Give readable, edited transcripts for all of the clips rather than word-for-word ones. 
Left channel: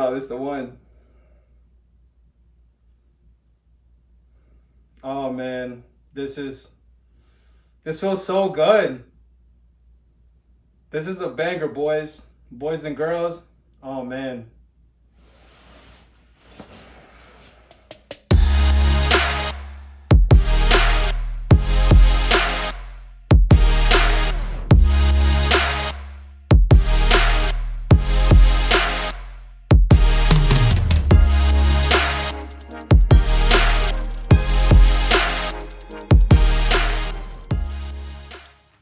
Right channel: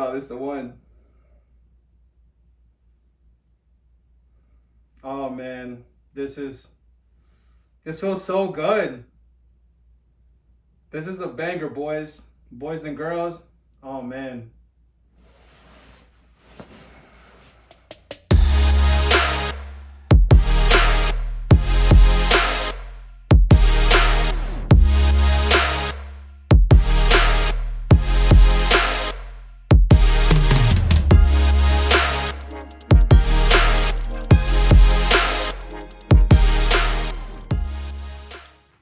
Oh, this is the one. Oh man, this feels so good. This is a banger, boys and girls. Oh man.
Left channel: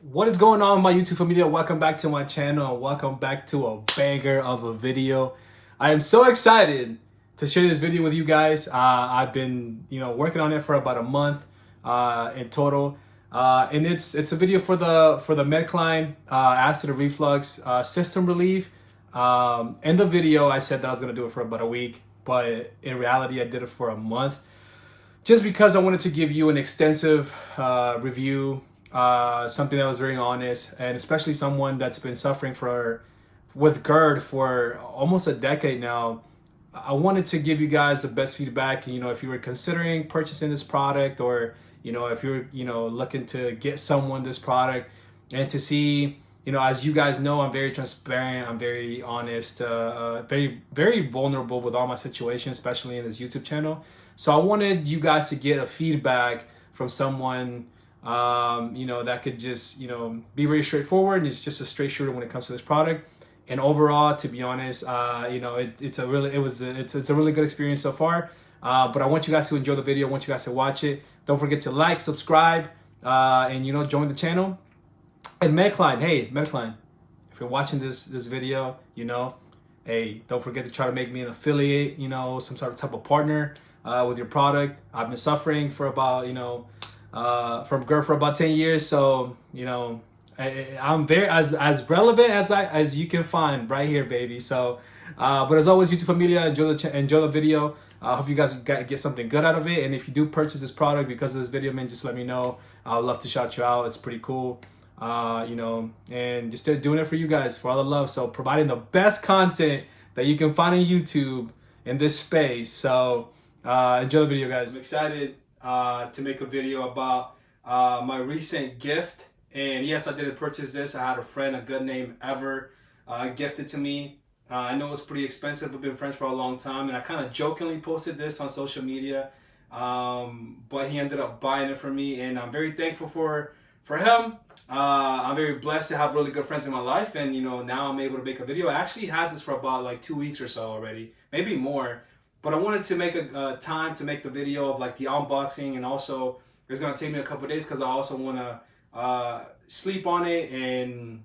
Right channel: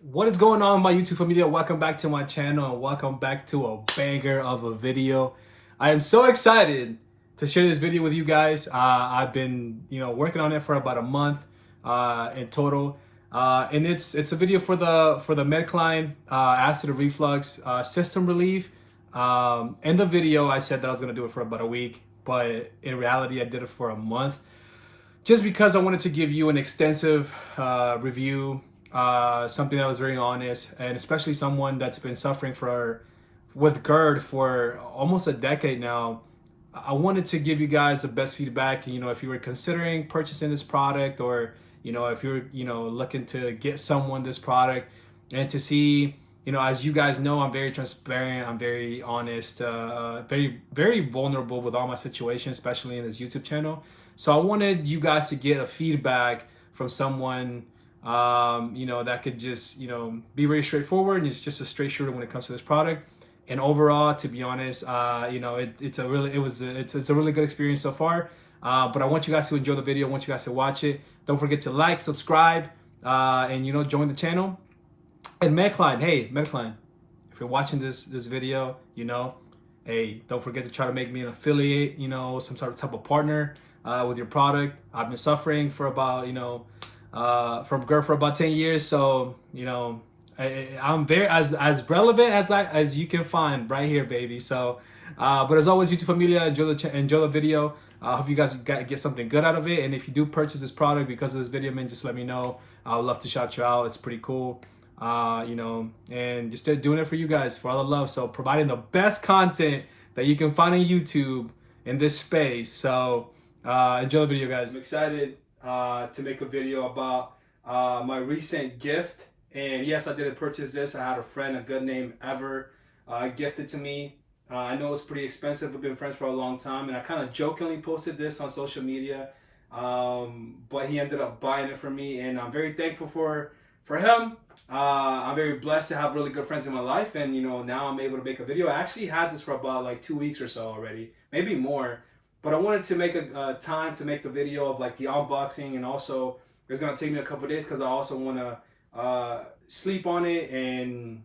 What is going on, my YouTube family? Welcome back to my channel and welcome back to a banger of a video. I am so excited to share this video with you guys. I've been, working on it for about a month in total, and it's a video for the MedCline acid reflux system relief. In the video, I said that I was gonna do it for about a week, but in reality, I did it for a month, just because I wanted to give you an extensive review. Something that was very honest, and especially someone that's been suffering with GERD for almost a decade now. I wanted to give you guys the best feedback. If you were considering purchasing this product, or if you're looking to get someone this product, and to see, as you guys know, I'm very transparent, I'm very honest, very, very vulnerable with all my situations, especially in this YouTube channel. So I wanted you guys to get a feedback from someone that could just, be very straightforward, and it's just a straight shooter when it comes to this product. And overall, to be honest, it's a really good experience so far. But I want you guys to enjoy the video. I want you guys to watch it. Don't forget to like, subscribe, and join the channel. And MedCline, hey, MedCline, if you're watching this video, hey, don't forget to try to make me an affiliate, some sort of type of partner with your product. I've been suffering for about, from GERD for about 10 years, so I'm very as relevant as you can find right here, baby. So but as always, YouTube familia, enjoy the video. I hope you guys get something good out of it, and if you do purchase this product because of this video, man, just let me know. I would love to shout you out. It's pretty cool, and just doing it for you guys, for all the love. So providing the best content that you can find on YouTube in this space. So enjoy the video, guys. I'm excited to make a video about my recent gift. And yes, I did purchase this. I had a friend, a good name Ever, gifted to me. I know it's pretty expensive. We've been friends for a long time, and I kind of jokingly posted this on social media, but he ended up buying it for me, and I'm very thankful for him. I'm very blessed to have really good friends in my life, and now I'm able to make a video. I actually had this for about like 2 weeks or so already, maybe more. But I wanted to make a time to make the video of like the unboxing, and also it's gonna take me a couple days because I also want to sleep on it and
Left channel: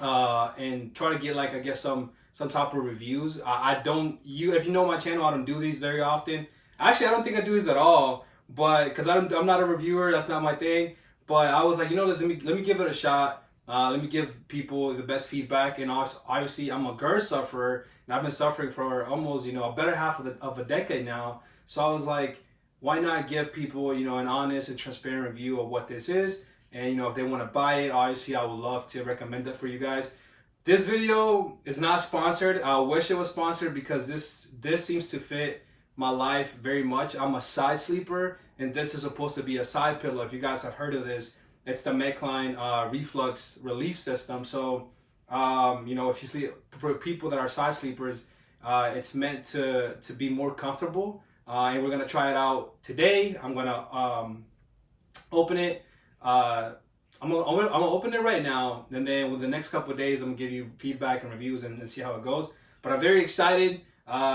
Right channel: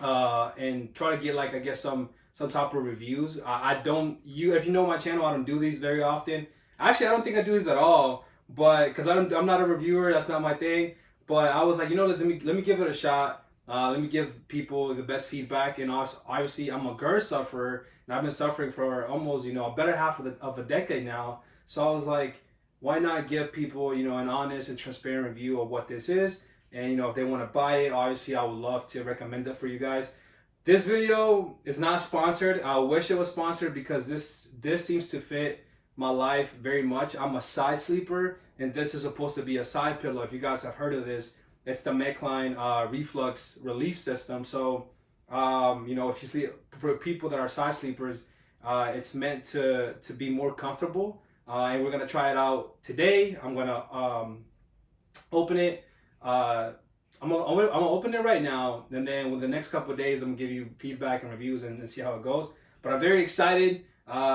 try to get, like, I guess some type of reviews. If you know my channel, I don't do these very often. Actually, I don't think I do these at all, but because I'm not a reviewer, that's not my thing. But I was like, let me give it a shot. Let me give people the best feedback. And obviously, I'm a GERD sufferer, and I've been suffering for almost, a better half of a decade now. So I was like, why not give people, an honest and transparent review of what this is? And, if they want to buy it, obviously, I would love to recommend it for you guys. This video is not sponsored. I wish it was sponsored, because this seems to fit my life very much. I'm a side sleeper, and this is supposed to be a side pillow. If you guys have heard of this, it's the MedCline Reflux Relief System. So, if you sleep, for people that are side sleepers, it's meant to be more comfortable. And we're gonna try it out today. I'm gonna open it. I'm gonna open it right now, and then with the next couple of days, I'm gonna give you feedback and reviews and see how it goes. But I'm very excited.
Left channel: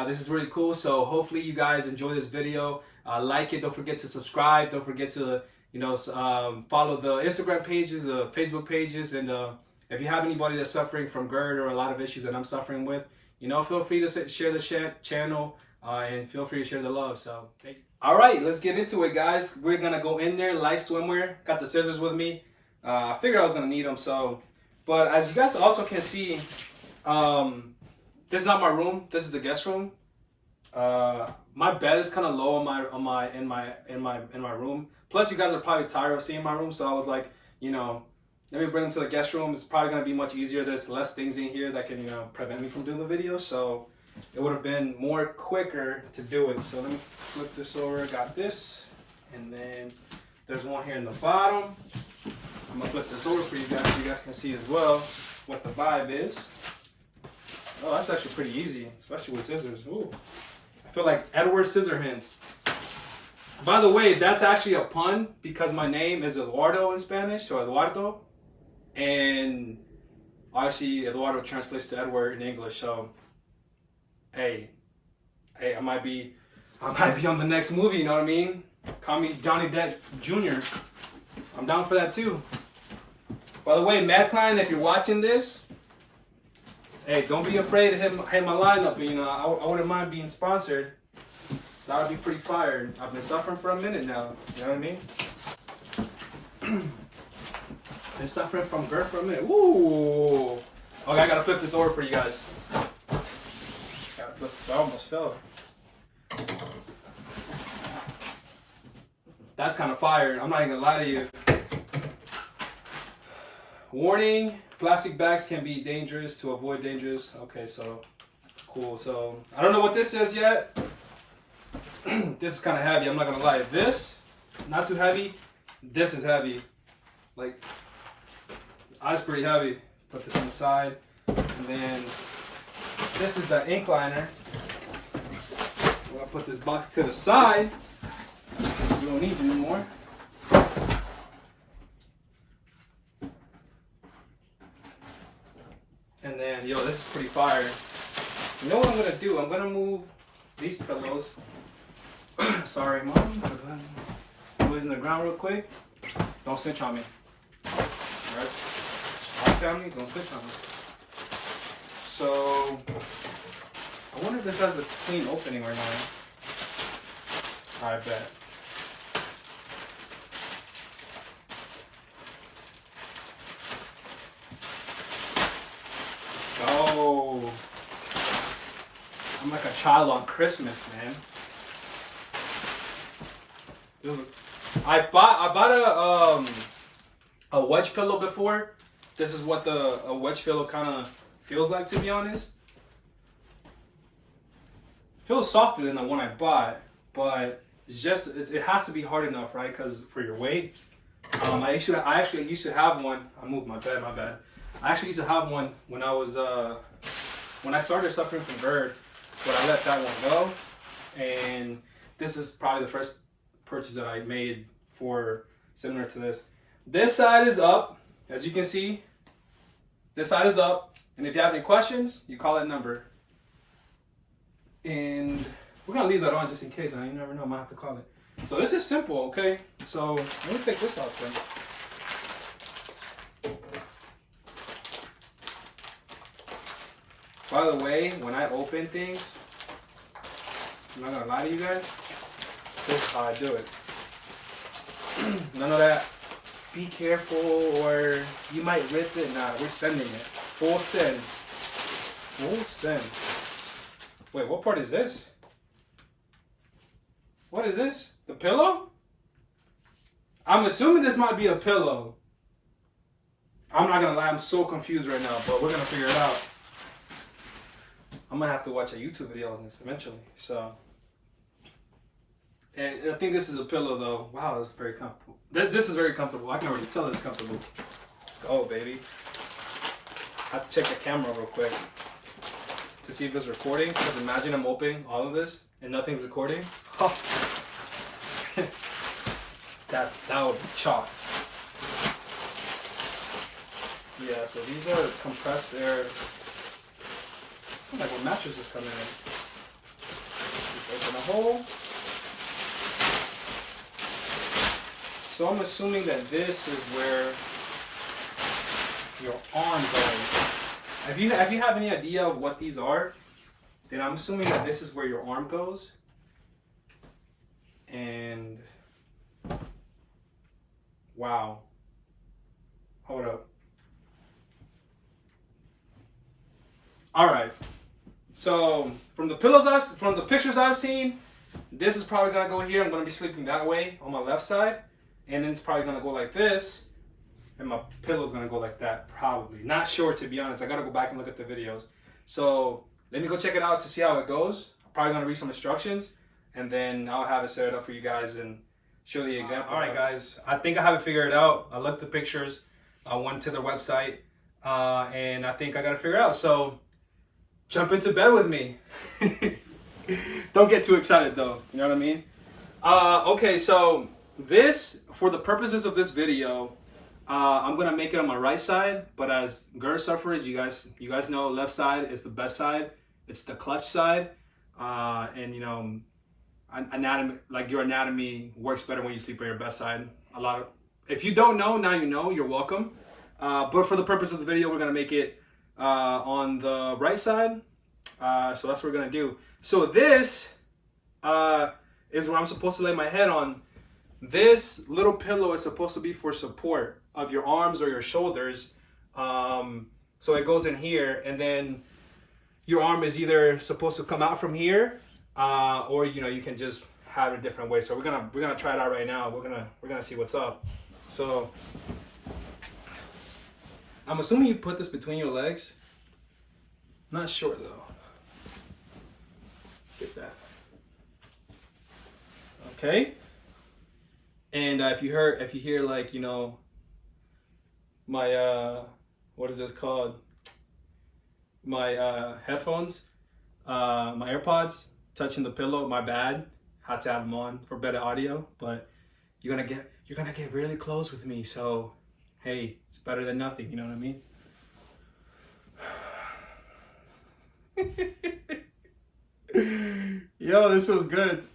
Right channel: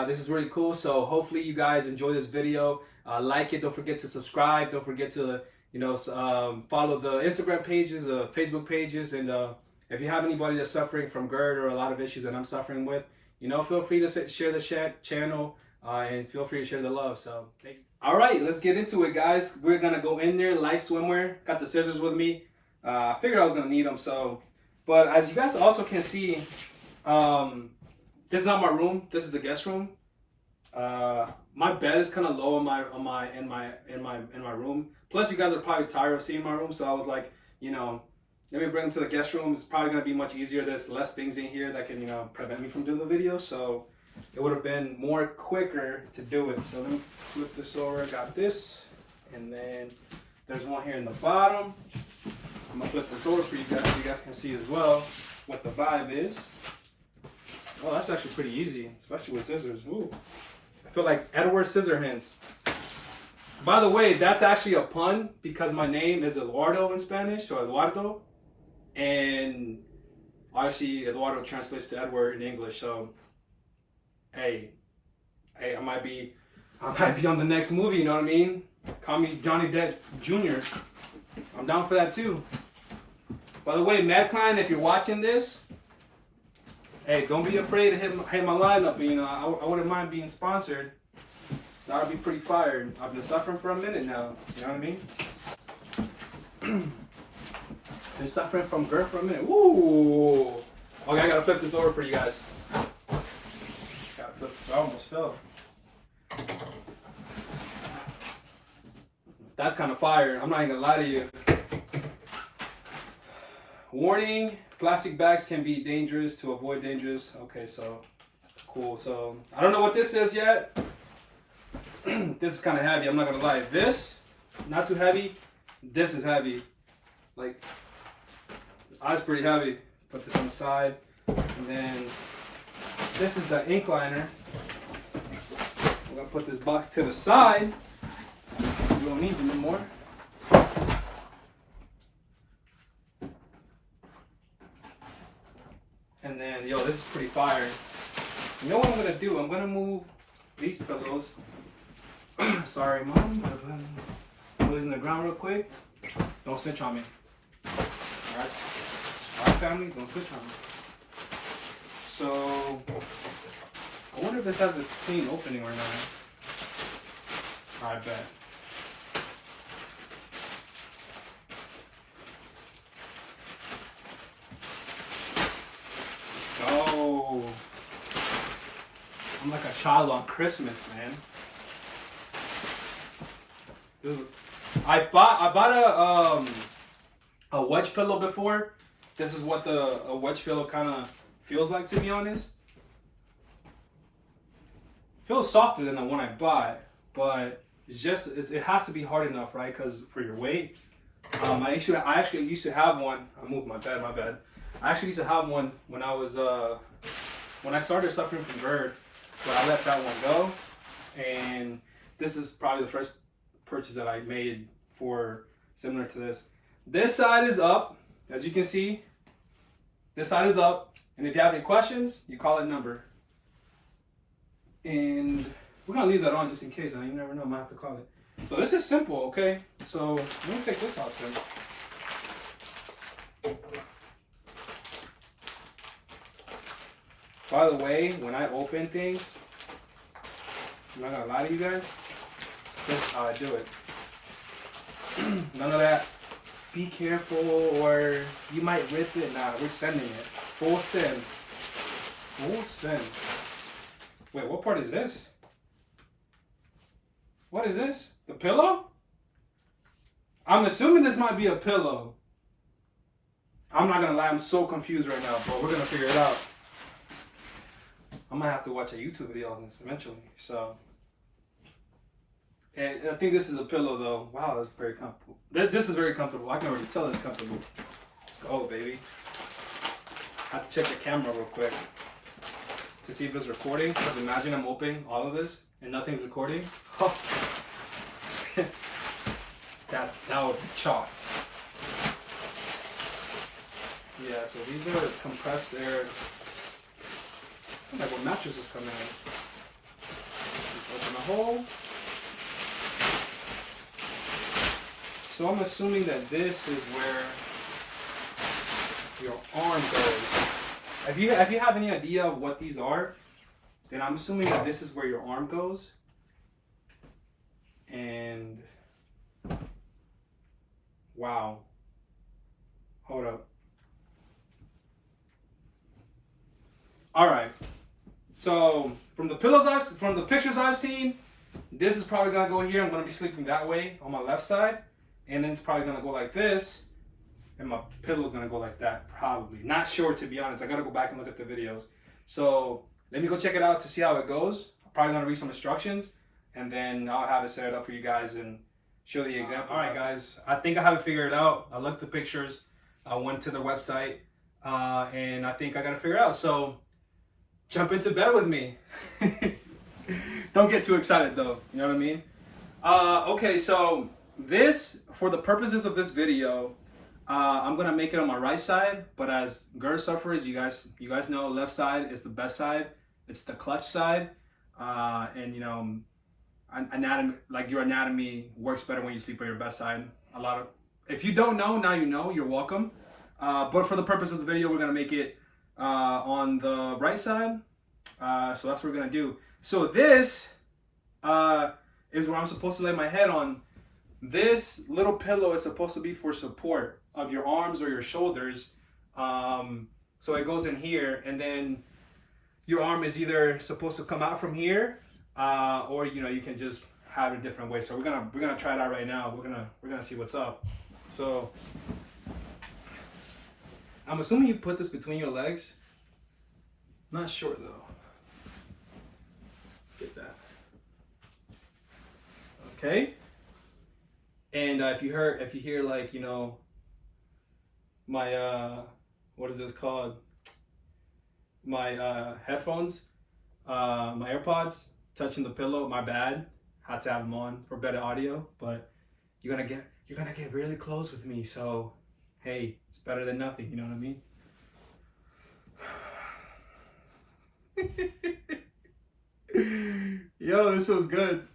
This is really cool. So hopefully you guys enjoy this video. Like it. Don't forget to subscribe. Don't forget to follow the Instagram pages, Facebook pages, and if you have anybody that's suffering from GERD or a lot of issues that I'm suffering with, feel free to share the channel, and feel free to share the love. So thank you. All right, let's get into it, guys. We're gonna go in there, light swimwear. Got the scissors with me. I figured I was gonna need them. But as you guys also can see, this is not my room. This is the guest room. My bed is kind of low in my room. Plus, you guys are probably tired of seeing my room, so I was like, let me bring them to the guest room. It's probably gonna be much easier. There's less things in here that can, prevent me from doing the video. So it would have been more quicker to do it. So let me flip this over. Got this, and then there's one here in the bottom. I'm gonna flip this over for you guys so you guys can see as well what the vibe is. Oh, that's actually pretty easy, especially with scissors. Ooh, I feel like Edward Scissorhands. By the way, that's actually a pun because my name is Eduardo in Spanish, or Eduardo, and obviously Eduardo translates to Edward in English. So, hey, I might be on the next movie. You know what I mean? Call me Johnny Depp Jr. I'm down for that too. By the way, MedCline, if you're watching this, hey, don't be afraid to hit my lineup. You know, I wouldn't mind being sponsored. That would be pretty fire. I've been suffering for a minute now. You know what I mean? Been suffering from GERD for a minute. Ooh. Okay, I gotta flip this over for you guys. Gotta flip this. I almost fell. That's kind of fire. I'm not even gonna lie to you. Warning: plastic bags can be dangerous. To avoid dangers. Okay, so cool. So I don't know what this is yet. This is kind of heavy. I'm not gonna lie. This, not too heavy. This is heavy. Like, that's pretty heavy. Put this on the side, and then this is the ink liner. I'm gonna put this box to the side. We don't need it anymore. And then, yo, this is pretty fire. You know what I'm gonna do? I'm gonna move these pillows. Sorry, Mom. Put these in the ground real quick. Don't snitch on me. Alright? Alright, family? Don't snitch on me. So, I wonder if this has a clean opening or not. Alright, bet. Let's go. I'm like a child on Christmas, man. Dude, I bought a wedge pillow before. This is what a wedge pillow kind of feels like, to be honest. It feels softer than the one I bought, but it's just it has to be hard enough, right? Because for your weight. I actually used to have one. I moved my bed. My bad. I actually used to have one when I was when I started suffering from GERD, but I let that one go, and this is probably the first purchase that I made for similar to this. This side is up, as you can see. This side is up, and if you have any questions, you call that number. And we're gonna leave that on just in case. You never know, I might have to call it. So this is simple, okay? So let me take this out then. By the way, when I open things, I'm not gonna lie to you guys. This is how I do it. None of that. Be careful, or you might rip it. Nah, we're sending it. Full send. Full send. Wait, what part is this? What is this? The pillow? I'm assuming this might be a pillow. I'm not gonna lie, I'm so confused right now, but we're gonna figure it out. I'm gonna have to watch a YouTube video on this eventually. So. And I think this is a pillow though. Wow, that's very comfortable. This is very comfortable. I can already tell it's comfortable. Let's go, baby. I have to check the camera real quick to see if it's recording. Because imagine I'm opening all of this and nothing's recording. Oh. that would be chalk. Yeah, so these are compressed air. Like what mattresses come in. Just open a hole. So I'm assuming that this is where your arm goes. If you have any idea of what these are, then I'm assuming that this is where your arm goes. And wow. Hold up. All right. So from the pictures I've seen, this is probably gonna go here. I'm gonna be sleeping that way on my left side. And then it's probably gonna go like this, and my pillow's gonna go like that, probably. Not sure, to be honest. I gotta go back and look at the videos. So let me go check it out to see how it goes. I'm probably gonna read some instructions, and then I'll have it set up for you guys and show the example. All right, guys, I think I have it figured out. I looked at the pictures. I went to their website, and I think I got to figure it out. So jump into bed with me. Don't get too excited though. You know what I mean? Okay, so this, for the purposes of this video, I'm gonna make it on my right side. But as GERD sufferers, you guys know left side is the best side. It's the clutch side, and you know, anatomy, like your anatomy works better when you sleep on your best side. If you don't know, now you know. You're welcome. But for the purpose of the video, we're gonna make it on the right side. So that's what we're gonna do. So this is where I'm supposed to lay my head on. This little pillow is supposed to be for support of your arms or your shoulders. So it goes in here, and then your arm is either supposed to come out from here, or you know, you can just have it a different way. So we're gonna try it out right now. We're gonna see what's up. So I'm assuming you put this between your legs. Not sure though. Get that. Okay. And if you hear like, you know, my what is this called? My headphones, my AirPods touching the pillow, my bad. Had to have them on for better audio, but you're gonna get really close with me, so hey, it's better than nothing, you know what I mean? Yo, this feels good.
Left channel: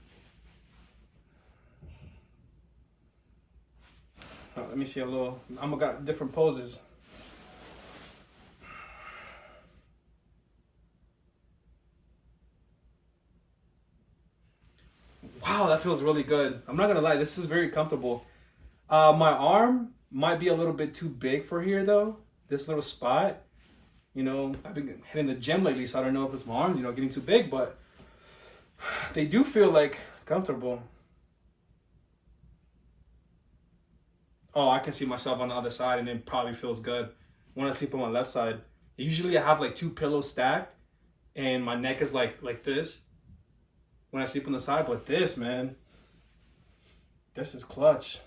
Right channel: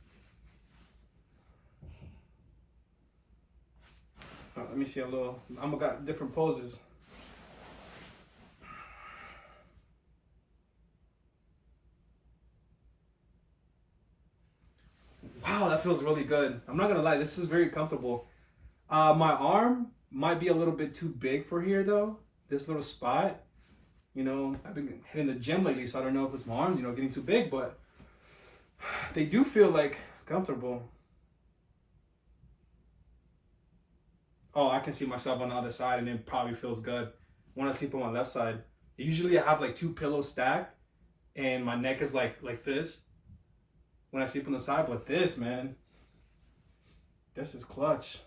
Let me see a little. I'm got different poses. Wow, that feels really good. I'm not gonna lie, this is very comfortable. My arm might be a little bit too big for here though. This little spot. You know, I've been hitting the gym lately, so I don't know if it's my arms, you know, getting too big, but they do feel like comfortable. Oh, I can see myself on the other side, and it probably feels good when I sleep on my left side. Usually I have like 2 pillows stacked, and my neck is like this when I sleep on the side, but this, man, this is clutch.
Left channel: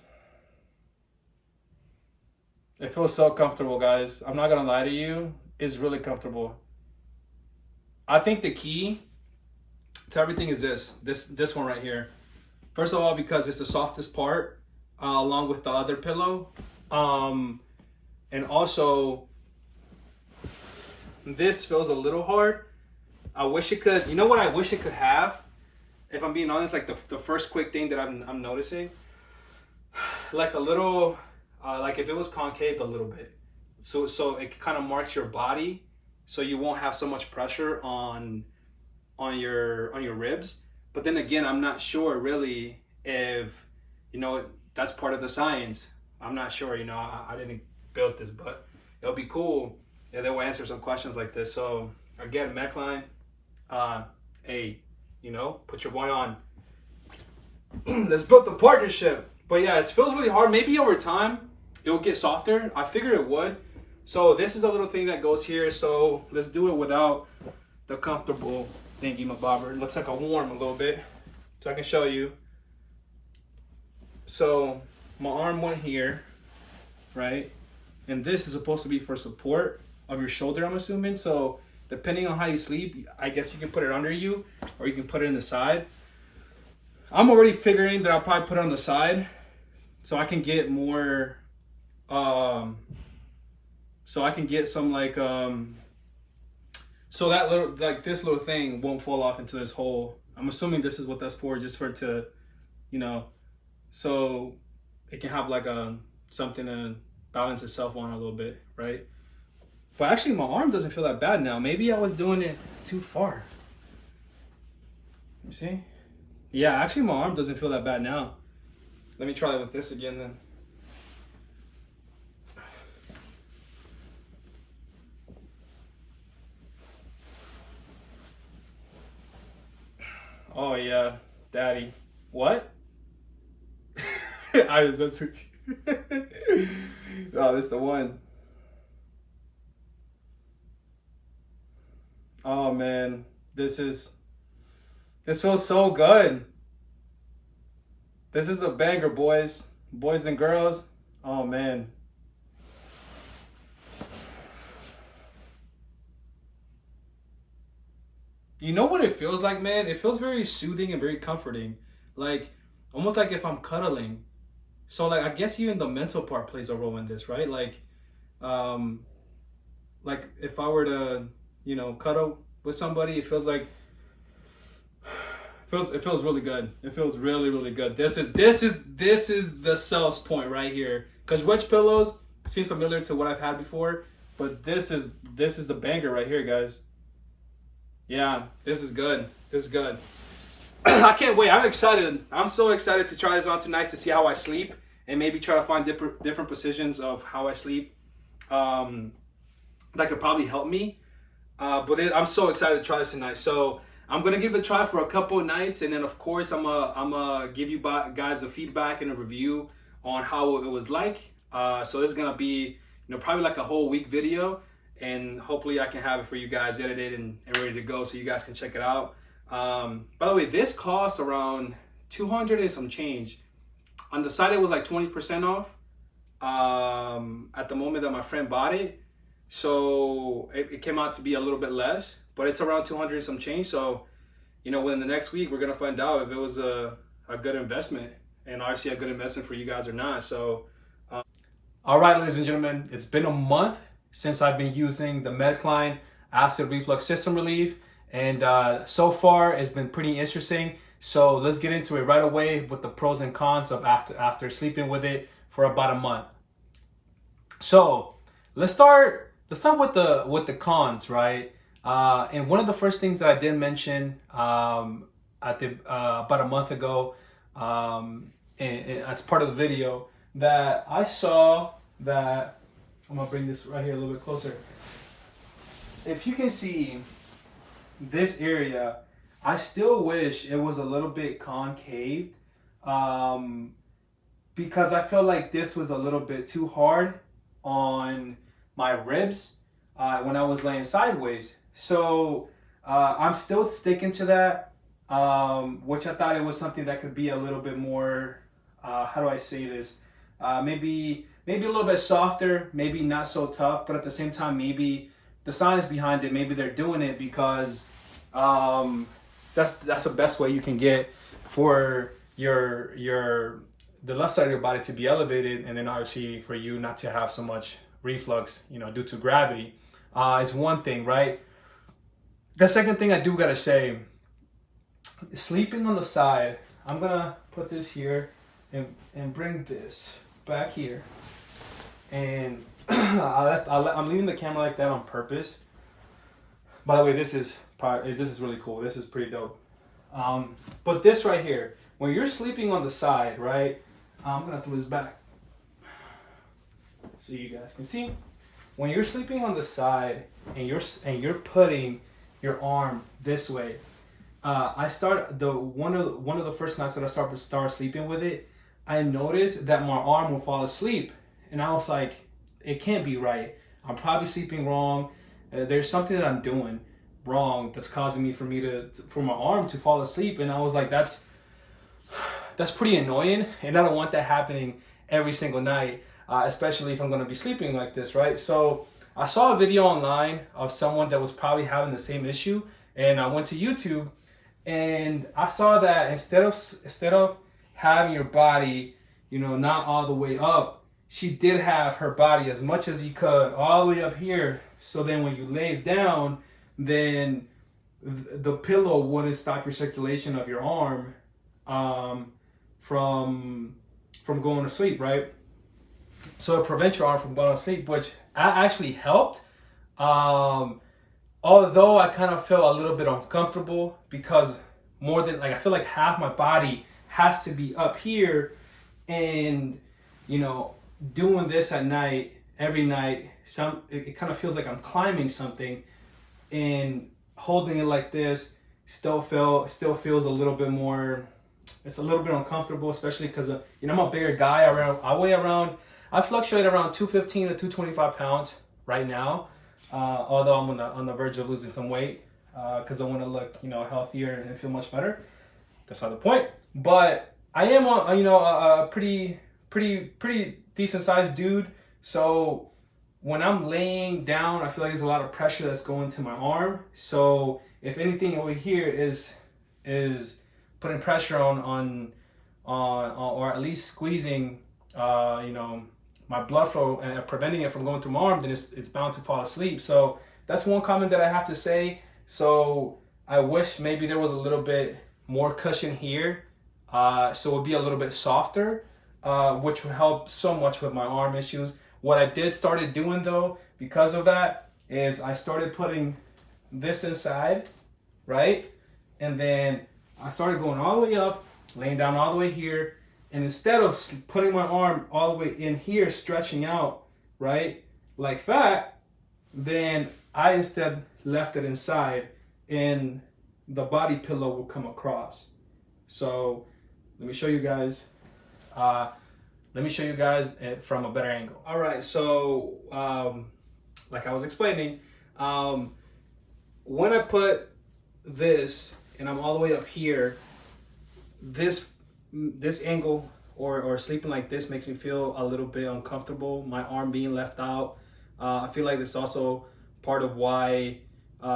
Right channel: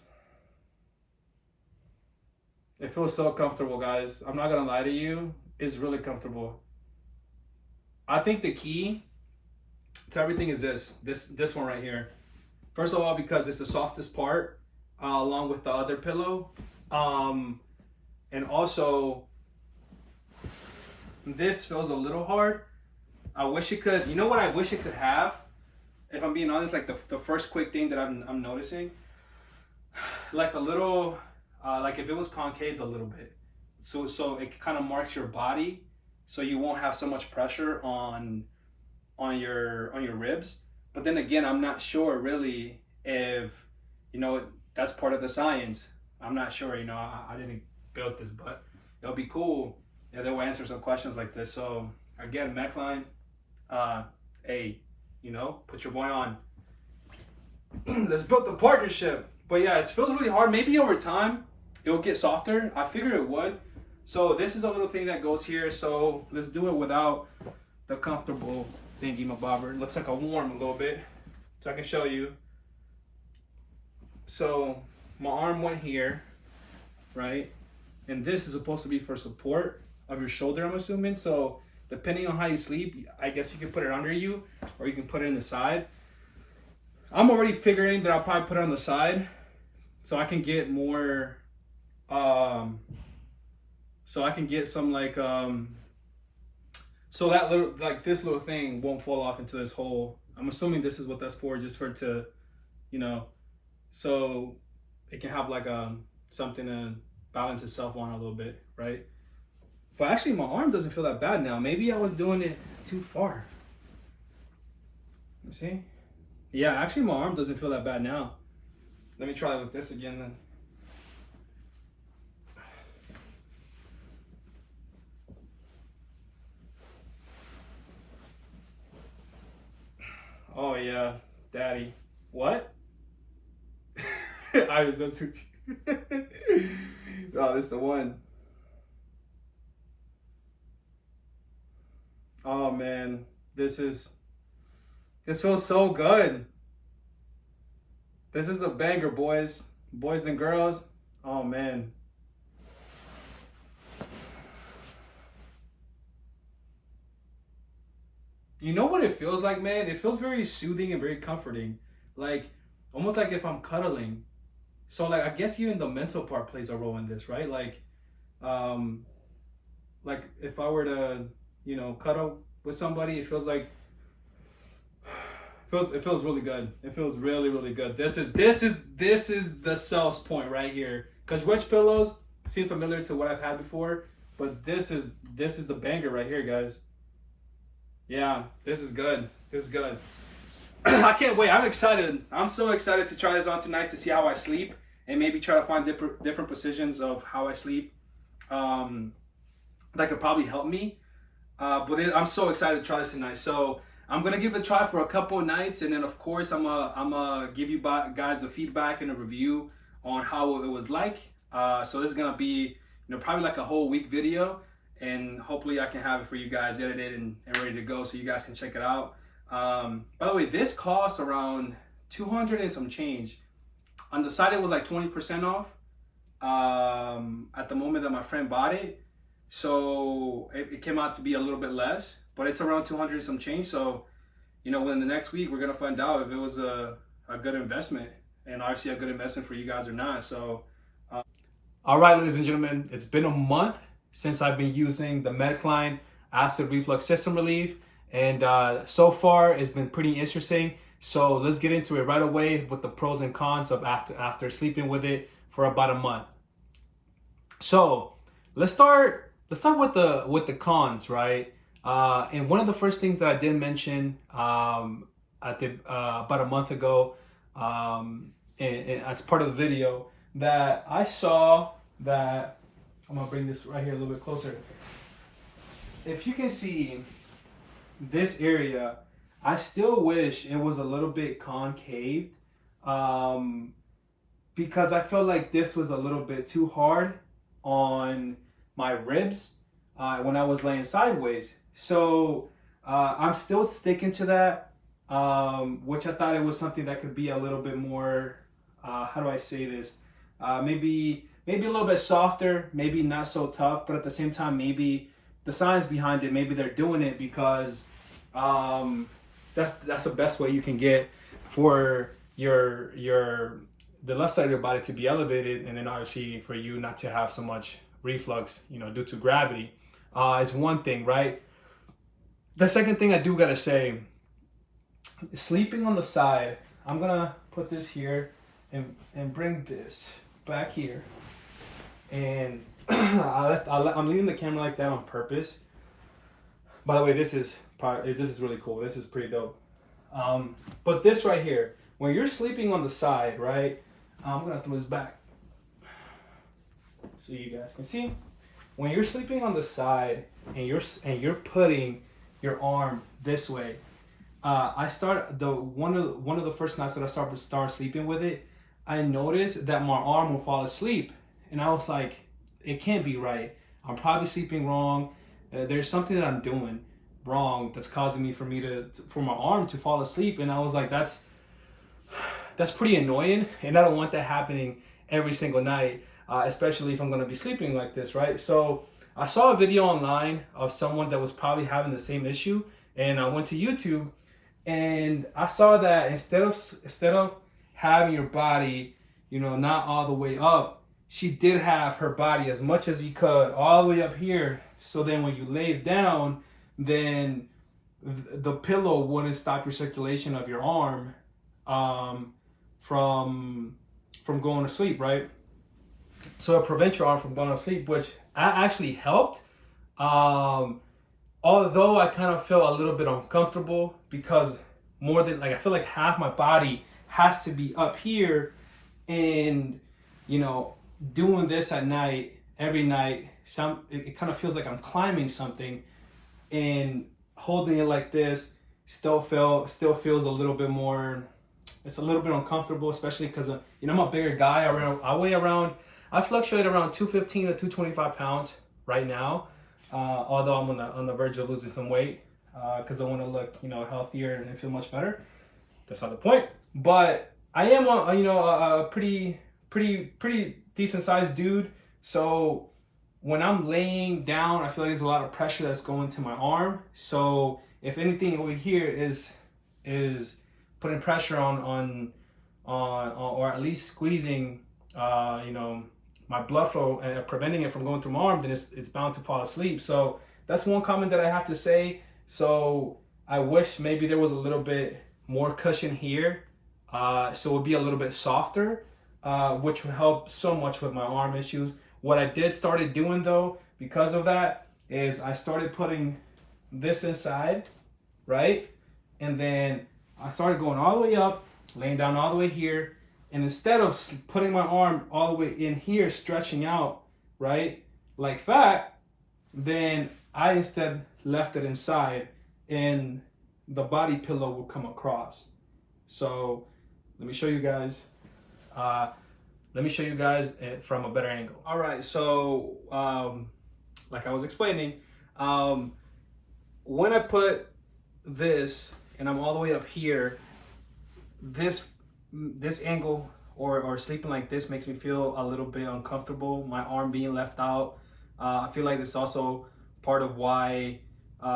It feels so comfortable, guys. I'm not gonna lie to you. It's really comfortable. I think the key to everything is this one right here. First of all, because it's the softest part, along with the other pillow. And also, this feels a little hard. I wish it could, you know what I wish it could have? If I'm being honest, like the first quick thing that I'm noticing, like a little, like if it was concave a little bit, so it kind of marks your body, so you won't have so much pressure on your ribs. But then again, I'm not sure really if, you know, that's part of the science. I'm not sure, you know, I didn't build this, but it'll be cool if they will answer some questions like this. So again, MedCline, you know, put your one on. Let's build the partnership. But yeah, it feels really hard. Maybe over time it will get softer. I figured it would. So this is a little thing that goes here. So let's do it without the comfortable thingy mabobber. It looks like a warm a little bit, so I can show you. So my arm went here, right? And this is supposed to be for support of your shoulder, I'm assuming. So depending on how you sleep, I guess you can put it under you, or you can put it in the side. I'm already figuring that I'll probably put it on the side, so I can get more, so I can get some like, so that little, like this little thing won't fall off into this hole. I'm assuming this is what that's for, just for it to, you know, so it can have like something to balance itself on a little bit, right? But actually my arm doesn't feel that bad now. Maybe I was doing it too far. You see? Yeah, actually my arm doesn't feel that bad now. Let me try it with this again then. Oh yeah, daddy. What? I was messing with you. Oh, this is the one. Oh man, this feels so good. This is a banger, boys and girls. Oh man. You know what it feels like, man? It feels very soothing and very comforting. Like almost like if I'm cuddling. So like I guess even the mental part plays a role in this, right? Um like if I were to, cuddle with somebody, it feels like it feels really good. It feels really, really good. This is the sales point right here. Cause Wedge pillows seem familiar to what I've had before, but this is the banger right here, guys. Yeah, this is good. This is good. I can't wait. I'm excited. I'm so excited to try this on tonight to see how I sleep and maybe try to find different positions of how I sleep. That could probably help me. I'm so excited to try this tonight. So I'm gonna give it a try for a couple of nights, and then of course I'm gonna give you guys a feedback and a review on how it was like. So this is gonna be probably like a whole week video, and hopefully I can have it for you guys edited and ready to go so you guys can check it out. By the way, this costs around 200 and some change. On the site it was like 20% off at the moment that my friend bought it. So it came out to be a little bit less, but it's around 200 and some change. So, within the next week, we're going to find out if it was a good investment, and obviously a good investment for you guys or not. So, all right, ladies and gentlemen, it's been a month since I've been using the MedCline Acid Reflux System Relief. And so far, it's been pretty interesting. So let's get into it right away with the pros and cons of after sleeping with it for about a month. So let's start with the cons, right? And one of the first things that I did mention about a month ago, as part of the video, that I saw that I'm gonna bring this right here a little bit closer. If you can see this area, I still wish it was a little bit concave, because I felt like this was a little bit too hard on my ribs when I was laying sideways. So I'm still sticking to that, which I thought it was something that could be a little bit more, how do I say this? Maybe a little bit softer, maybe not so tough, but at the same time, maybe the science behind it, maybe they're doing it because that's the best way you can get for the left side of your body to be elevated, and then obviously for you not to have so much reflux, due to gravity. It's one thing, right? The second thing I do gotta say, sleeping on the side, I'm gonna put this here and bring this back here, and I'm leaving the camera like that on purpose. By the way, this is really cool. This is pretty dope. But this right here, when you're sleeping on the side, right? I'm gonna throw this back so you guys can see. When you're sleeping on the side and you're putting your arm this way, one of the first nights that I started sleeping with it, I noticed that my arm would fall asleep, and I was like, it can't be right. I'm probably sleeping wrong. There's something that I'm doing wrong that's causing me for my arm to fall asleep, and I was like, that's pretty annoying, and I don't want that happening every single night, especially if I'm going to be sleeping like this, right? So I saw a video online of someone that was probably having the same issue, and I went to YouTube, and I saw that instead of having your body, not all the way up, she did have her body as much as you could all the way up here. So then when you lay down, then the pillow wouldn't stop your circulation of your arm from going to sleep, right? So it prevents your arm from going to sleep, which actually helped. Although I kind of felt a little bit uncomfortable because I feel like half my body has to be up here, and doing this at night, every night, it kind of feels like I'm climbing something, and holding it like this still feels a little bit more. It's a little bit uncomfortable, especially because I'm a bigger guy. I fluctuate around 215 to 225 pounds right now, although I'm on the verge of losing some weight. because I want to look, healthier and feel much better. That's not the point. But I am a pretty decent sized dude. So when I'm laying down, I feel like there's a lot of pressure that's going to my arm. So if anything over here is putting pressure on or at least squeezing, my blood flow and preventing it from going through my arm, then it's bound to fall asleep. So that's one comment that I have to say. So I wish maybe there was a little bit more cushion here, so it would be a little bit softer, which would help so much with my arm issues. What I started doing though, because of that, is I started putting this inside, right? And then I started going all the way up, laying down all the way here. And instead of putting my arm all the way in here, stretching out, right, like that, then I instead left it inside and the body pillow will come across. So let me show you guys. It from a better angle. All right, so like I was explaining, when I put this and I'm all the way up here, this angle or sleeping like this makes me feel a little bit uncomfortable. My arm being left out. I feel like it's also part of why my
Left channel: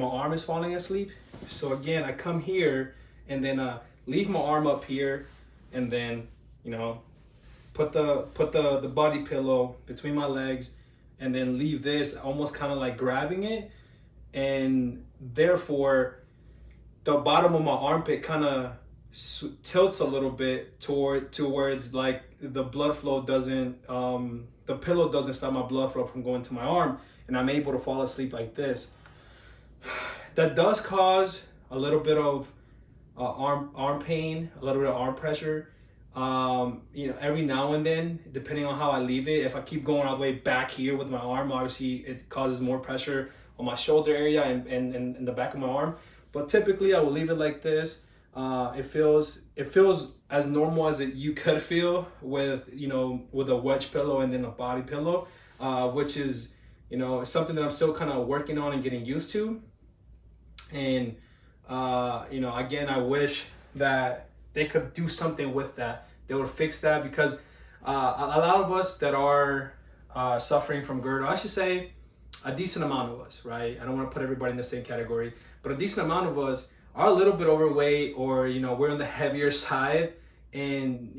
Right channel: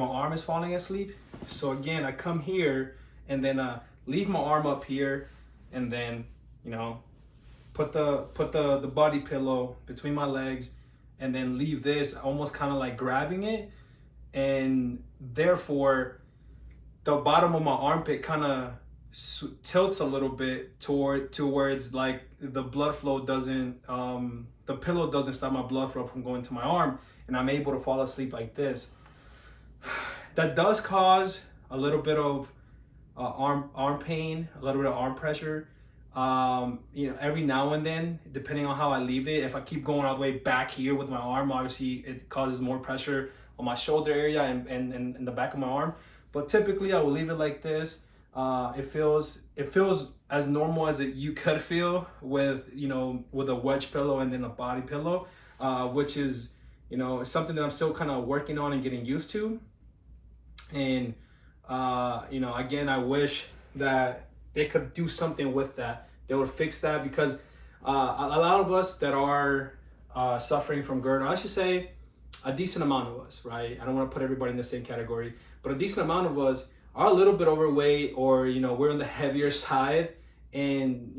arm is falling asleep. So again, I come here and then leave my arm up here, and then put the body pillow between my legs, and then leave this almost kind of like grabbing it, and therefore the bottom of my armpit kind of tilts a little bit towards like the blood flow doesn't the pillow doesn't stop my blood flow from going to my arm, and I'm able to fall asleep like this. That does cause a little bit of arm pain, a little bit of arm pressure, every now and then, depending on how I leave it. If I keep going all the way back here with my arm, obviously it causes more pressure on my shoulder area and the back of my arm. But typically I will leave it like this. It feels as normal as you could feel with a wedge pillow and then a body pillow, which is something that I'm still kind of working on and getting used to. And again, I wish that they could do something with that. They would fix that, because a lot of us that are suffering from GERD, or I should say a decent amount of us, right? I don't want to put everybody in the same category, but a decent amount of us are a little bit overweight, or we're on the heavier side. And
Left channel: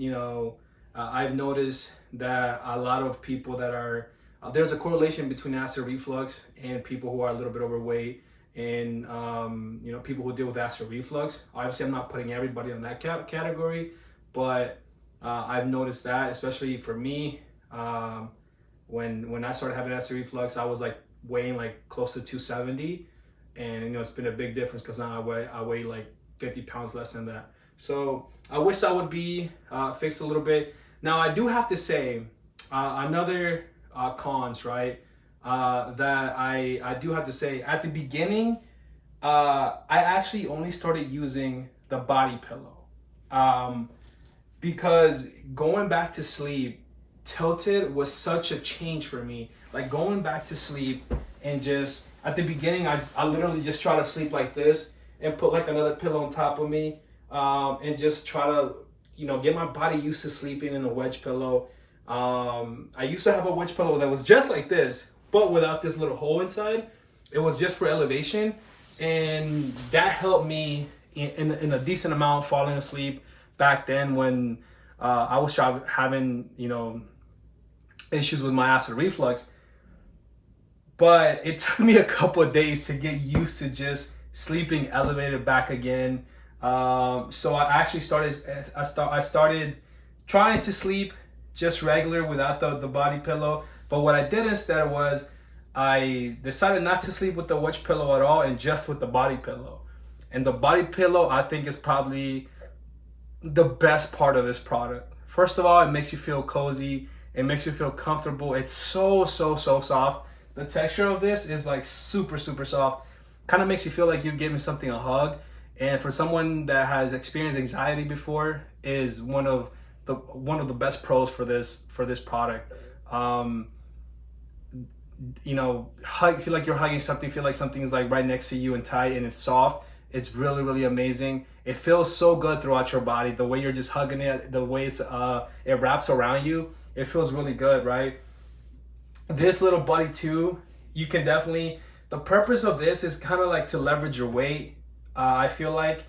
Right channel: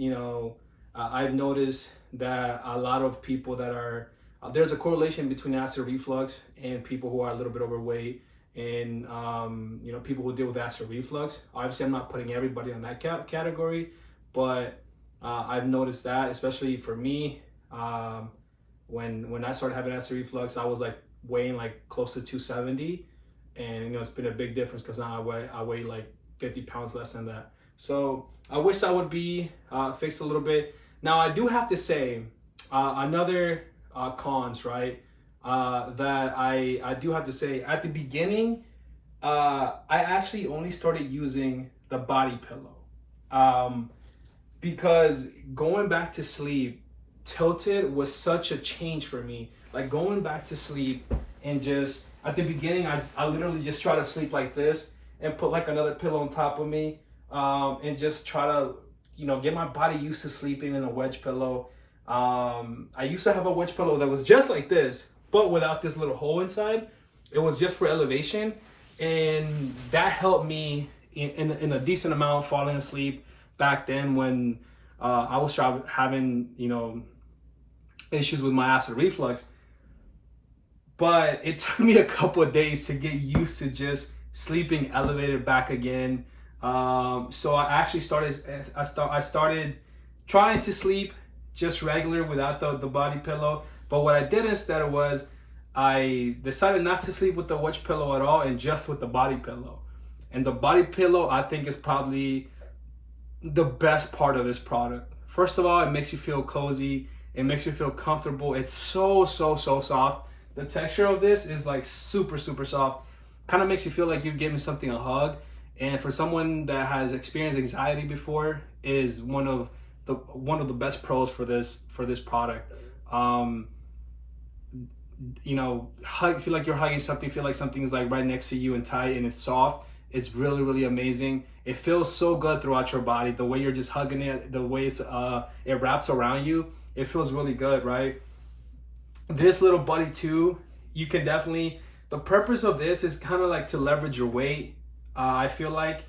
I've noticed that a lot of people that are there's a correlation between acid reflux and people who are a little bit overweight, and people who deal with acid reflux. Obviously, I'm not putting everybody on that category, but I've noticed that, especially for me, when I started having acid reflux, I was like weighing like close to 270, and it's been a big difference, because now I weigh like 50 pounds less than that. So I wish that would be fixed a little bit. Now I do have to say another cons, right? That I do have to say, at the beginning, I actually only started using the body pillow, because going back to sleep tilted was such a change for me. Like going back to sleep, and just at the beginning, I literally just try to sleep like this and put like another pillow on top of me, and just try to get my body used to sleeping in a wedge pillow. I used to have a wedge pillow that was just like this, but without this little hole inside. It was just for elevation, and that helped me in a decent amount falling asleep back then, when I was having issues with my acid reflux. But it took me a couple of days to get used to just sleeping elevated back again. So I actually started trying to sleep just regular without the body pillow. But what I did instead was I decided not to sleep with the wedge pillow at all, and just with the body pillow. And the body pillow, I think, is probably the best part of this product. First of all, it makes you feel cozy. It makes you feel comfortable. It's so soft. The texture of this is like super soft. Kind of makes you feel like you're giving something a hug. And for someone that has experienced anxiety before, is one of the best pros for this product. feel like you're hugging something, feel like something's like right next to you and tight and it's soft. It's really, really amazing. It feels so good throughout your body. The way you're just hugging it, the way it wraps around you, it feels really good, right? This little buddy too, you can definitely, the purpose of this is kind of like to leverage your weight. I feel like,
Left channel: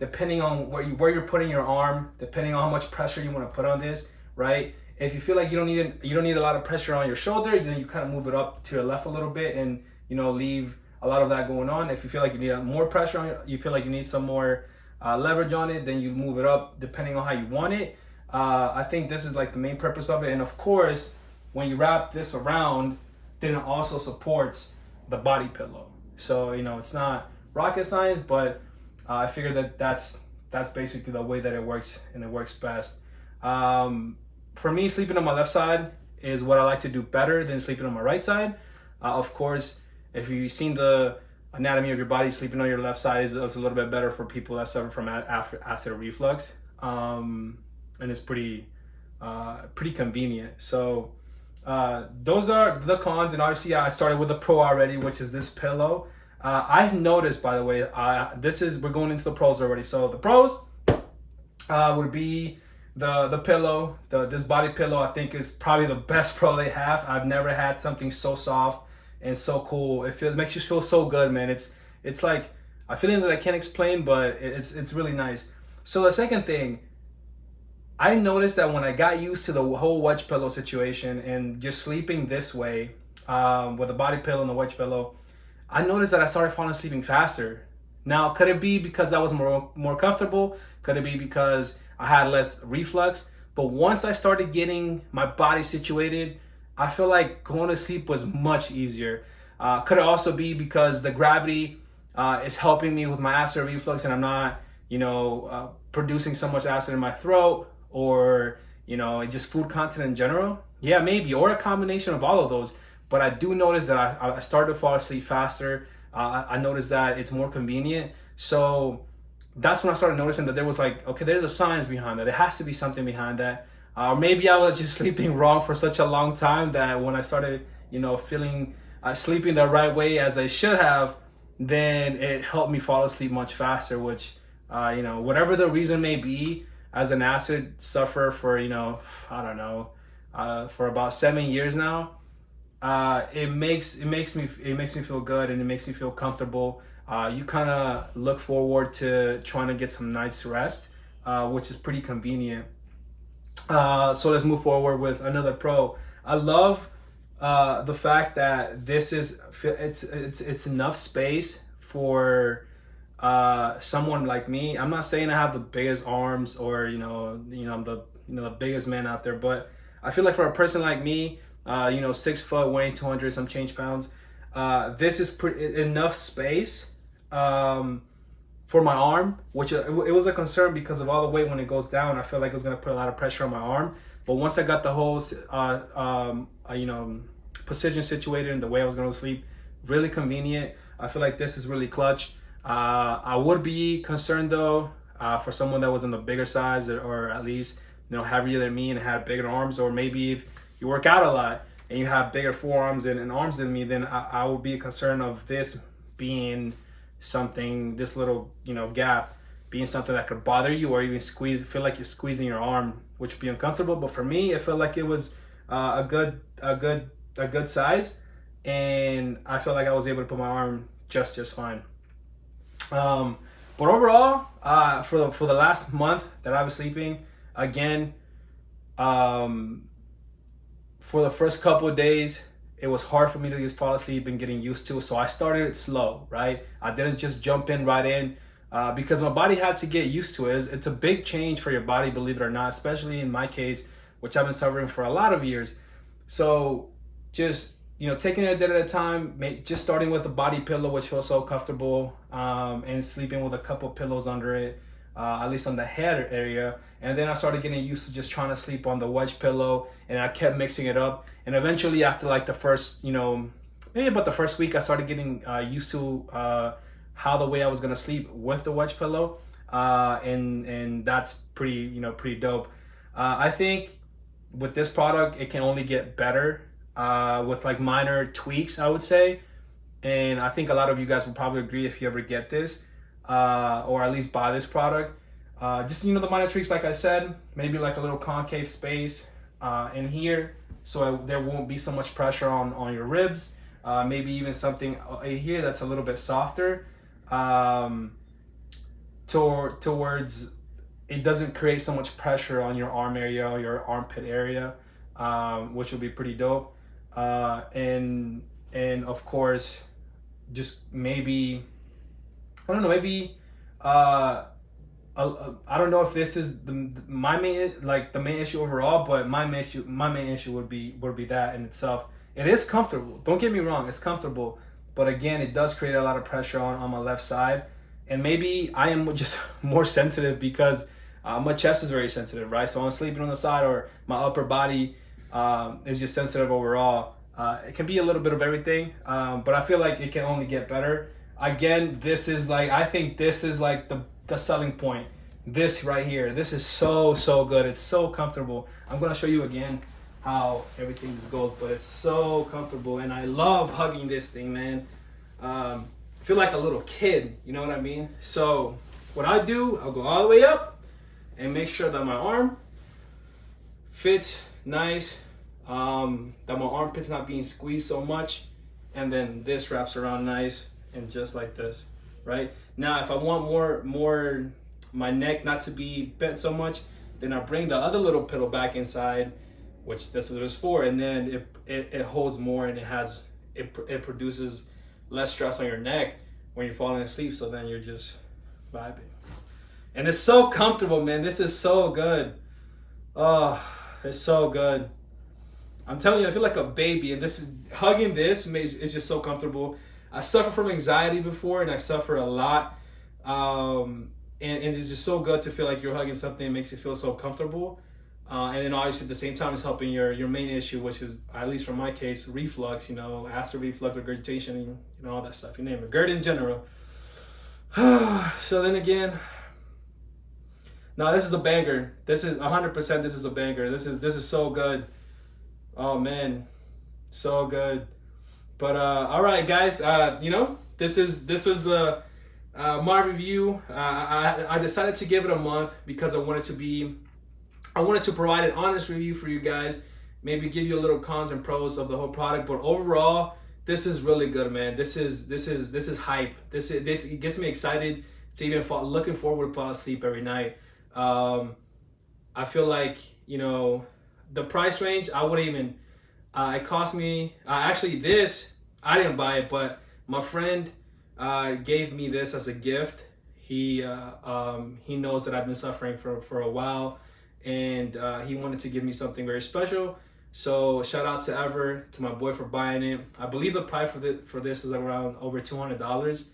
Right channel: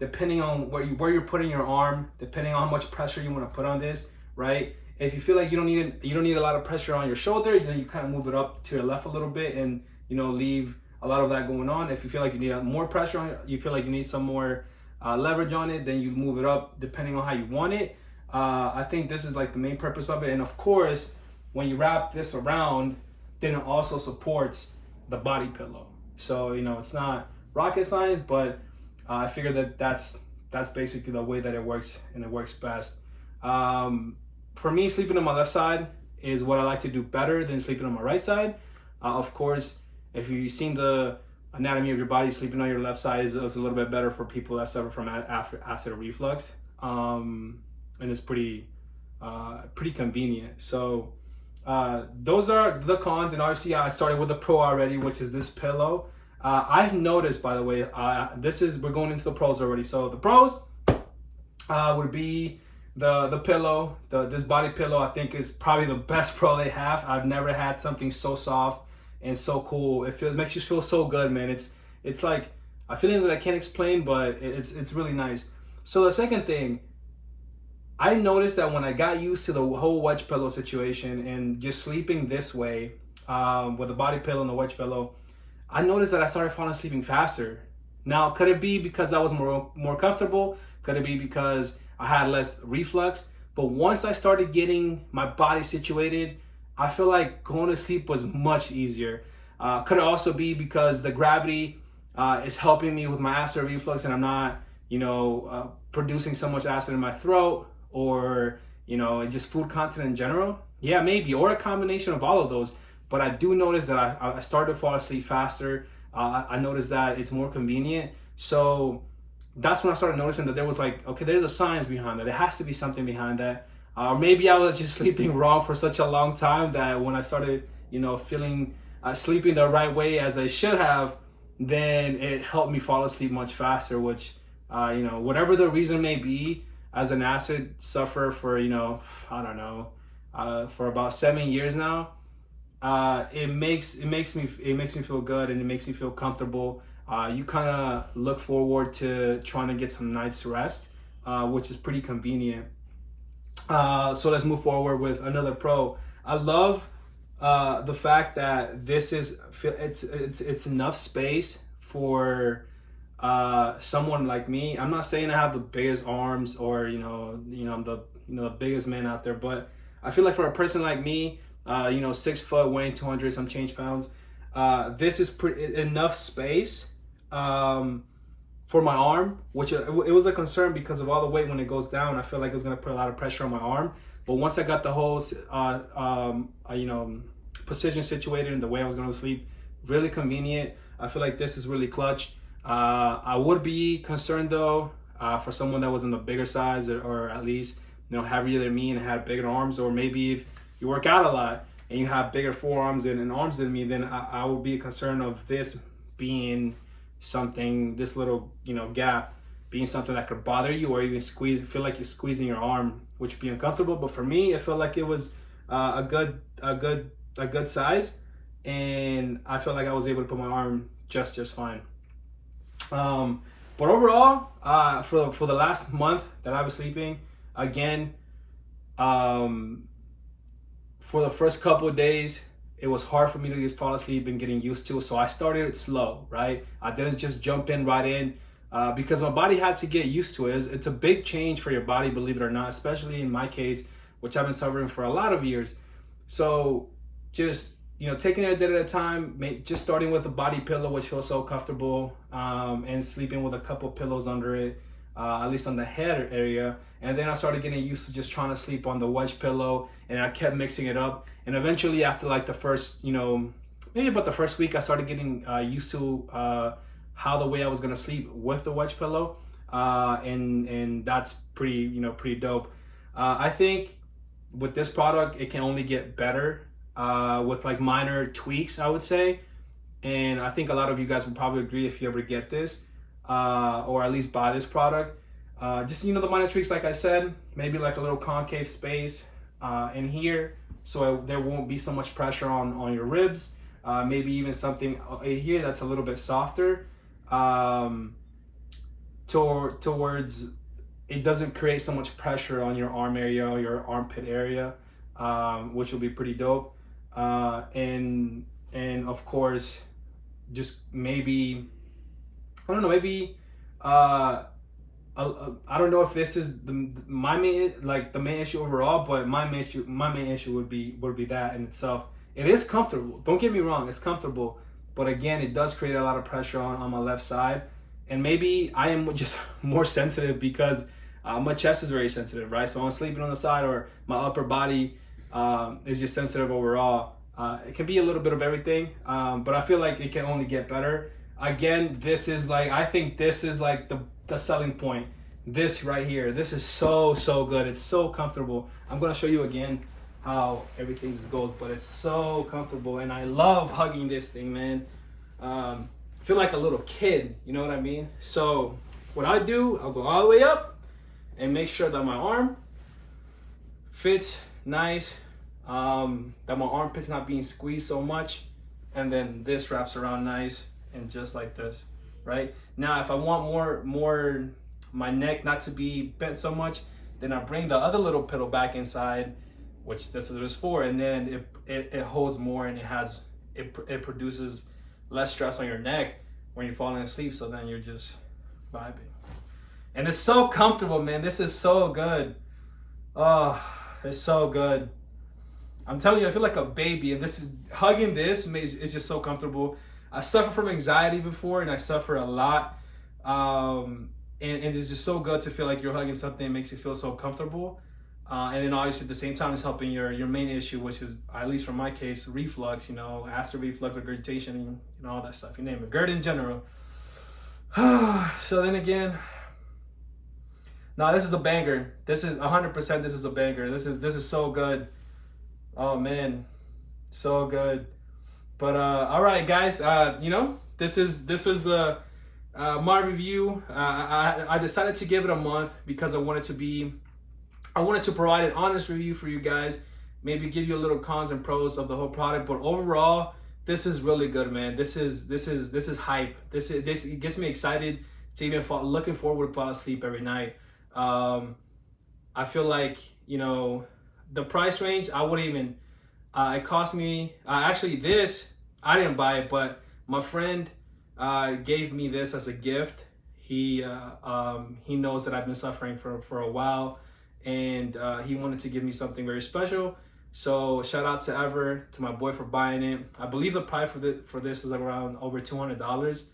depending on where you're putting your arm, depending on how much pressure you want to put on this, right? If you feel like you don't need a lot of pressure on your shoulder, then you kind of move it up to your left a little bit and leave a lot of that going on. If you feel like you need more pressure on it, you feel like you need some more leverage on it, then you move it up depending on how you want it. I think this is like the main purpose of it. And of course, when you wrap this around, then it also supports the body pillow. So it's not rocket science, but I figure that that's basically the way that it works, and it works best. For me, sleeping on my left side is what I like to do better than sleeping on my right side. Of course, if you've seen the anatomy of your body, sleeping on your left side is a little bit better for people that suffer from acid reflux, and it's pretty convenient. So those are the cons, and obviously I started with the pro already, which is this pillow. I've noticed, by the way, we're going into the pros already. So the pros would be the pillow, this body pillow. I think is probably the best pro they have. I've never had something so soft and so cool. It makes you feel so good, man. It's like a feeling that I can't explain, but it's really nice. So the second thing, I noticed that when I got used to the whole wedge pillow situation and just sleeping this way, with the body pillow and the wedge pillow, I noticed that I started falling asleep faster. Now, could it be because I was more comfortable? Could it be because I had less reflux? But once I started getting my body situated, I feel like going to sleep was much easier. Could it also be because the gravity is helping me with my acid reflux, and I'm not, producing so much acid in my throat, or just food content in general? Yeah, maybe, or a combination of all of those. But I do notice that I started to fall asleep faster. I noticed that it's more convenient. So that's when I started noticing that there was like, okay, there's a science behind that. There has to be something behind that. Or maybe I was just sleeping wrong for such a long time that when I started, feeling sleeping the right way as I should have, then it helped me fall asleep much faster, which, whatever the reason may be, as an acid sufferer for, I don't know, for about 7 years now, it makes me feel good, and it makes me feel comfortable. You kind of look forward to trying to get some night's rest, which is pretty convenient. So let's move forward with another pro. I love the fact that this it's enough space for someone like me. I'm not saying I have the biggest arms or I'm the biggest man out there, but I feel like for a person like me, 6 foot, weighing 200 some change pounds, this is enough space for my arm, which it was a concern because of all the weight. When it goes down, I feel like it was going to put a lot of pressure on my arm. But once I got the whole position situated and the way I was going to sleep, really convenient. I feel like this is really clutch. I would be concerned though, for someone that was in the bigger size, or at least heavier than me and had bigger arms, or maybe if you work out a lot and you have bigger forearms and arms than me, then I would be concerned of this being something, this little gap being something that could bother you, or even feel like you're squeezing your arm, which would be uncomfortable. But for me, it felt like it was a good size, and I felt like I was able to put my arm just fine. But overall, for the last month that I was sleeping, again, for the first couple of days, it was hard for me to just fall asleep and getting used to it. So I started slow, right? I didn't just jump right in, because my body had to get used to it. It's a big change for your body, believe it or not, especially in my case, which I've been suffering for a lot of years. So just, taking it a day at a time, just starting with the body pillow, which feels so comfortable, and sleeping with a couple pillows under it, at least on the head area. And then I started getting used to just trying to sleep on the wedge pillow, and I kept mixing it up. And eventually, after like the first, maybe about the first week, I started getting used to how the way I was gonna sleep with the wedge pillow, and that's pretty dope. I think with this product, it can only get better. with like minor tweaks, I would say. And I think a lot of you guys will probably agree if you ever get this, or at least buy this product. Just, the minor tweaks, like I said, maybe like a little concave space in here, so there won't be so much pressure on your ribs. Maybe even something here that's a little bit softer, towards, it doesn't create so much pressure on your arm area or your armpit area, which will be pretty dope. And of course, just maybe, I don't know, maybe I don't know if this is my main, like the main issue overall, but my main issue would be that in itself. It is comfortable. Don't get me wrong, it's comfortable, but again, it does create a lot of pressure on my left side, and maybe I am just more sensitive because my chest is very sensitive, right? So I'm sleeping on the side, or my upper body is just sensitive overall. It can be a little bit of everything, but I feel like it can only get better. Again, this is like, I think this is like the selling point. This right here, this is so good. It's so comfortable. I'm gonna show you again how everything goes, but it's so comfortable, and I love hugging this thing, man. I feel like a little kid, you know what I mean? So what I do, I'll go all the way up and make sure that my arm fits nice, that my armpit's not being squeezed so much, and then this wraps around nice, and just like this, right? Now, if I want more my neck not to be bent so much, then I bring the other little pillow back inside, which this is for, and then it holds more, and it produces less stress on your neck when you're falling asleep, so then you're just vibing. And it's so comfortable, man. This is so good. Oh, it's so good. I'm telling you, I feel like a baby, and hugging this is just so comfortable. I suffer from anxiety before, and I suffer a lot. And it's just so good to feel like you're hugging something that makes you feel so comfortable. And then obviously at the same time, it's helping your main issue, which is, at least for my case, reflux, acid reflux, regurgitation, all that stuff, you name it, GERD in general. So then again, no, this is a banger. This is 100%, this is a banger. This is so good. Oh man, so good. But all right, guys, this was the my review. I decided to give it a month because I wanted to provide an honest review for you guys, maybe give you a little cons and pros of the whole product. But overall, this is really good, man. This is hype. It gets me excited to even looking forward to fall asleep every night. I feel like, the price range, I wouldn't even, it cost me, actually this, I didn't buy it, but my friend gave me this as a gift. He knows that I've been suffering for a while, and he wanted to give me something very special. So shout out to Ever, to my boy, for buying it. I believe the price for this is like around over $200.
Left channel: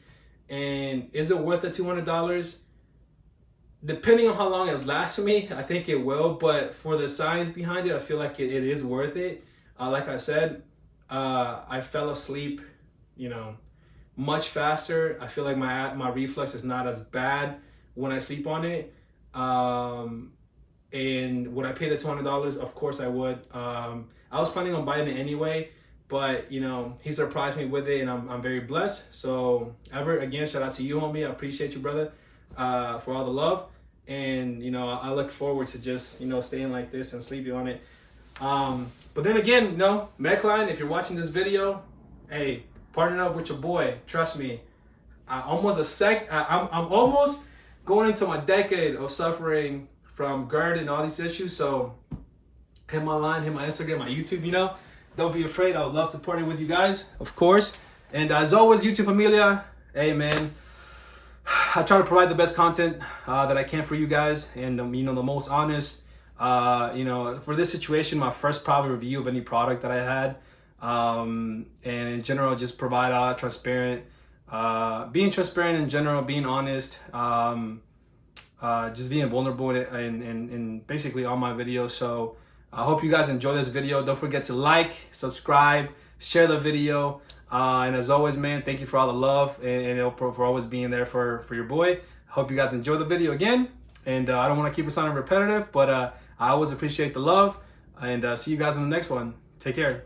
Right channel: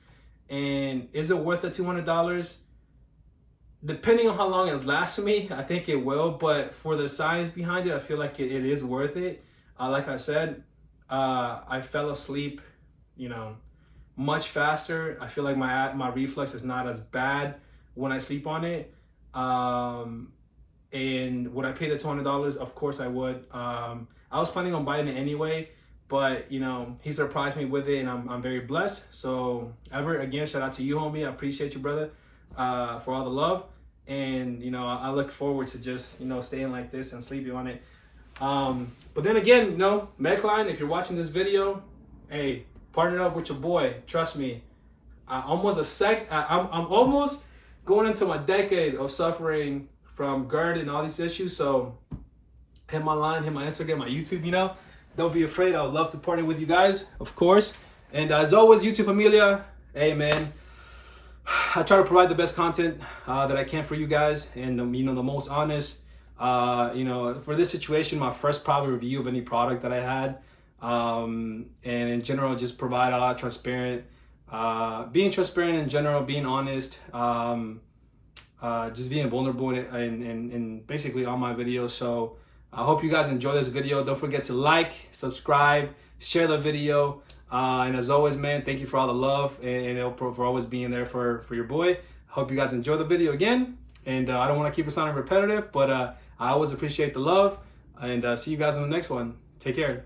And is it worth the $200? Depending on how long it lasts me, I think it will. But for the science behind it, I feel like it is worth it. Like I said, I fell asleep, much faster. I feel like my reflux is not as bad when I sleep on it. And would I pay the $200? Of course I would. I was planning on buying it anyway, but he surprised me with it, and I'm very blessed. So Ever, again, shout out to you, homie. I appreciate you, brother, for all the love. And I look forward to just staying like this and sleeping on it. But then again, MedCline, if you're watching this video, hey, partner up with your boy. Trust me, I'm almost going into my decade of suffering from GERD and all these issues. So hit my line, hit my Instagram, my YouTube, don't be afraid. I would love to partner with you guys, of course. And as always, YouTube Familia, hey man, I try to provide the best content that I can for you guys, and the most honest. For this situation, my first product review of any product that I had, and in general, just provide a lot of transparent, being transparent in general, being honest, just being vulnerable and basically all my videos. So I hope you guys enjoy this video. Don't forget to like, subscribe, share the video. And as always, man, thank you for all the love and for always being there for your boy. Hope you guys enjoy the video again. And I don't want to keep it sounding repetitive, but I always appreciate the love. And see you guys in the next one. Take care.